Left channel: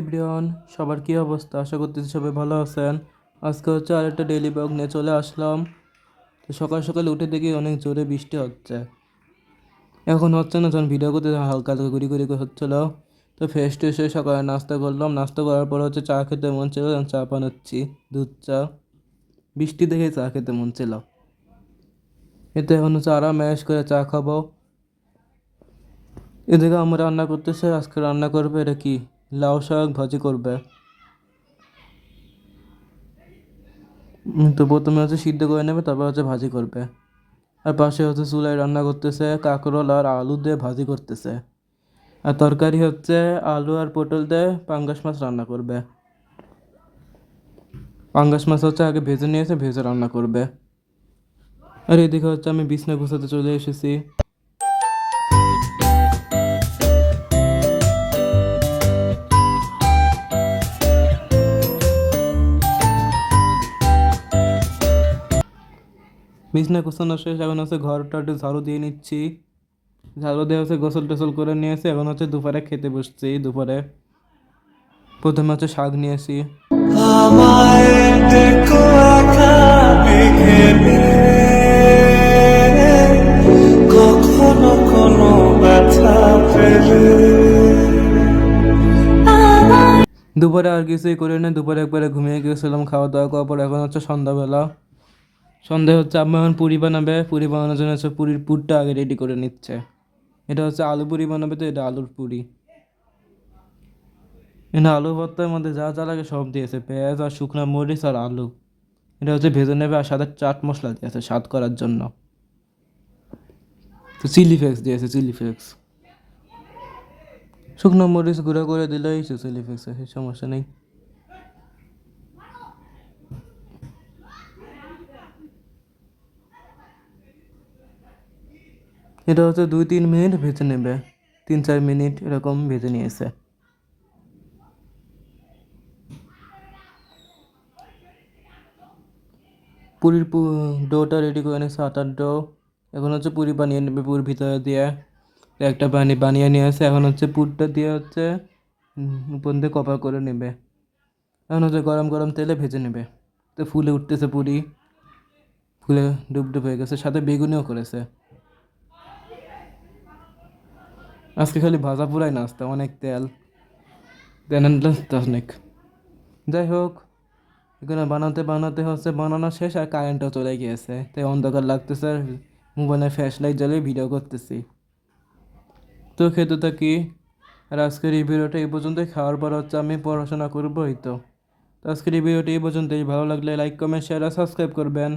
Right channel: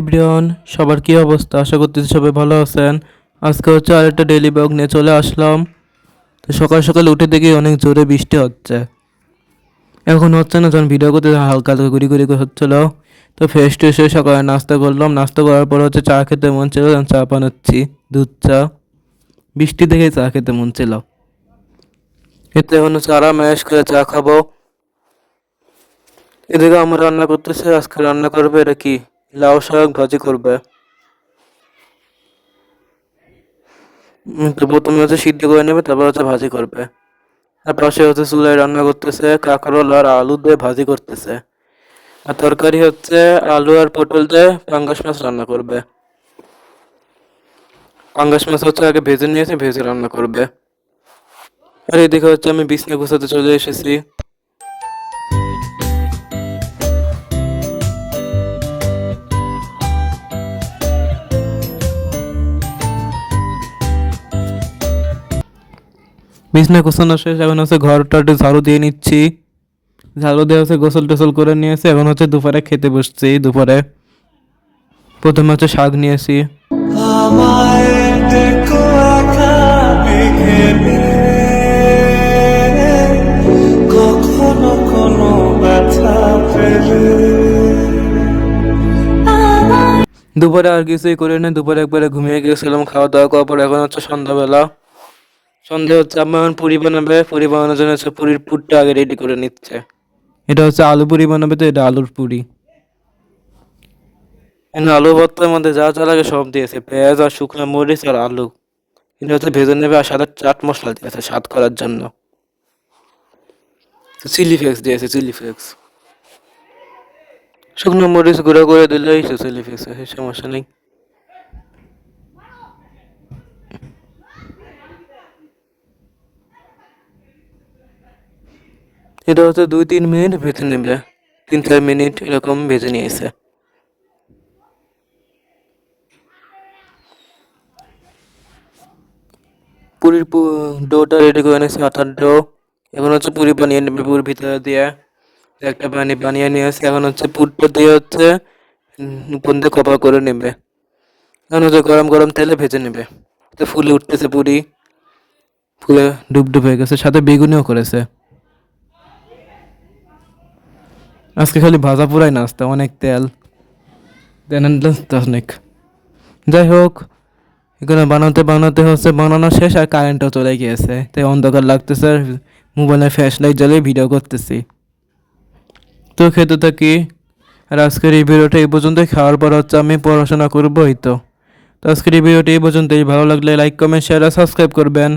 Everyone, সবার কি অবস্থা? আশা করতেছি সবাই ভালো আছেন। আজকে হচ্ছে আরেকটা ডেইলি ব্লগ নিয়ে চলে আসলাম। তো সকাল সকাল উঠে দেখি অনেক জোরে বৃষ্টি হচ্ছে। এখন হচ্ছে না, যখন ভিডিও করতে হালকা হালকা গুড়ি গুড়ি করে হচ্ছিল। তো ফ্রেশ ট্রেশ হয়ে সকালে নাস্তা করলাম। নাস্তা করার পর হচ্ছে চা খেতে মন ছিল, চা বানাচ্ছি, দুধ চা। বৃষ্টি দেখে চা খেতে মন ছিল। এতে এখন হচ্ছে আরাম ম্যাশ করে চা খাবো। এদিকে আমার রান্না করতেছে, আজকে রান্না করবে এটা কি, লাউ শাক ভাজি করবে। তো প্রথমে হচ্ছে সিদ্ধ করে নেবে, তারপর হচ্ছে ভাজি করবে। আর পাশে হচ্ছে চুলায় রান্না করতেছে, কাঁকরোল আর আলু দিয়ে ভাজি করতেছে। আর তরকারি হচ্ছে আলু আর পটল দিয়ে পাঙ্গাস মাছ রান্না করবে। পাঙ্গাস মাছ হচ্ছে আগে ভেজে নিয়েছে, ভেজে রান্না করবে। আর এদিকে হচ্ছে আমি বিছনা গুছাতে চলে এসেছি। বিছনা গোছানো শেষ, এখন হচ্ছে ঘরটা একটু ঝাড়ু দিয়ে নিচ্ছি। ঝাড়ু দিয়ে হচ্ছে গোসল টোসল করে নিয়েছে, এখন হচ্ছে দুপুরে খেতে বসছি। দুপুরে প্রথমে হচ্ছে শাক নিয়েছি। আমায় দেখো একা মেঘে কখনো কোনো ব্যথা পেলে দুপুরে আর কিছুই করে না, দুপুরে একবারে ঘুমিয়ে গেছিলাম খাওয়া দাওয়া করার পর। এখন হচ্ছে সন্ধ্যাবেলা। সন্ধ্যা হচ্ছে আম্মা এখন পুরি বানাবে। পুরি বানানোর জন্য হচ্ছে পুরির পুরটা আগে রেডি করে নিচ্ছে। এটা হচ্ছে আলু পুরি বানাবে, তো এটা আলুর পুরি। এখানে আলু ভর্তার মধ্যে যা যা লাগে সব দিয়েছে, পেঁয়াজ আর শুকনো মরিচ আর আলু। এটা হচ্ছে ভেজে নেবে, আর সাদা চাট মশলা দিয়েছে স্বাদ করার জন্য। তো চিলি ফ্লেক্স দিয়েছে, চিলি ফ্লেক্স। শুকনো মরিচ গুঁড়ো করে দিলেই তো চিলি ফ্লেক্স, সমস্যা নেই। এটা হচ্ছে 2-3 মিনিট ভেজে নেবে, 3-4 মিনিট এরকম ভেজে নিয়েছে। পুরির ডোটা রেডি করে নিয়েছে, আটার ডো। এখন হচ্ছে পুরি বানিয়ে নেবে, পুর ভিতরে দিয়ে একটা পানি বানিয়ে নিয়েছে। এখন হচ্ছে পুরটা দিয়ে হচ্ছে উপর দিয়ে কভার করে নেবে। এখন হচ্ছে গরম গরম তেলে ভেজে নেবে। তো ফুলে উঠতেছে পুরি, ফুলে ডুব ডুব হয়ে গেছে, সাথে বেগুনিও করেছে। আজকে খালি ভাজা পুরাই নাস্তা, অনেক তেল দেন অনেক। যাই হোক, এখানে বানাতে বানাতে হচ্ছে বানানো শেষ, আর কারেন্টও চলে গিয়েছে, তাই অন্ধকার লাগতেছে। আর মোবাইলে ফ্ল্যাশ লাইট জ্বালিয়ে ভিডিও করতেছি। তো খেতে থাকি। আর আজকের এই ভিডিওটা এই পর্যন্তই। খাওয়ার পর হচ্ছে আমি পড়াশোনা করবোই। তো আজকের এই ভিডিওটা এই পর্যন্তই। ভালো লাগলে লাইক কমেন্ট শেয়ার আর সাবস্ক্রাইব করবেন।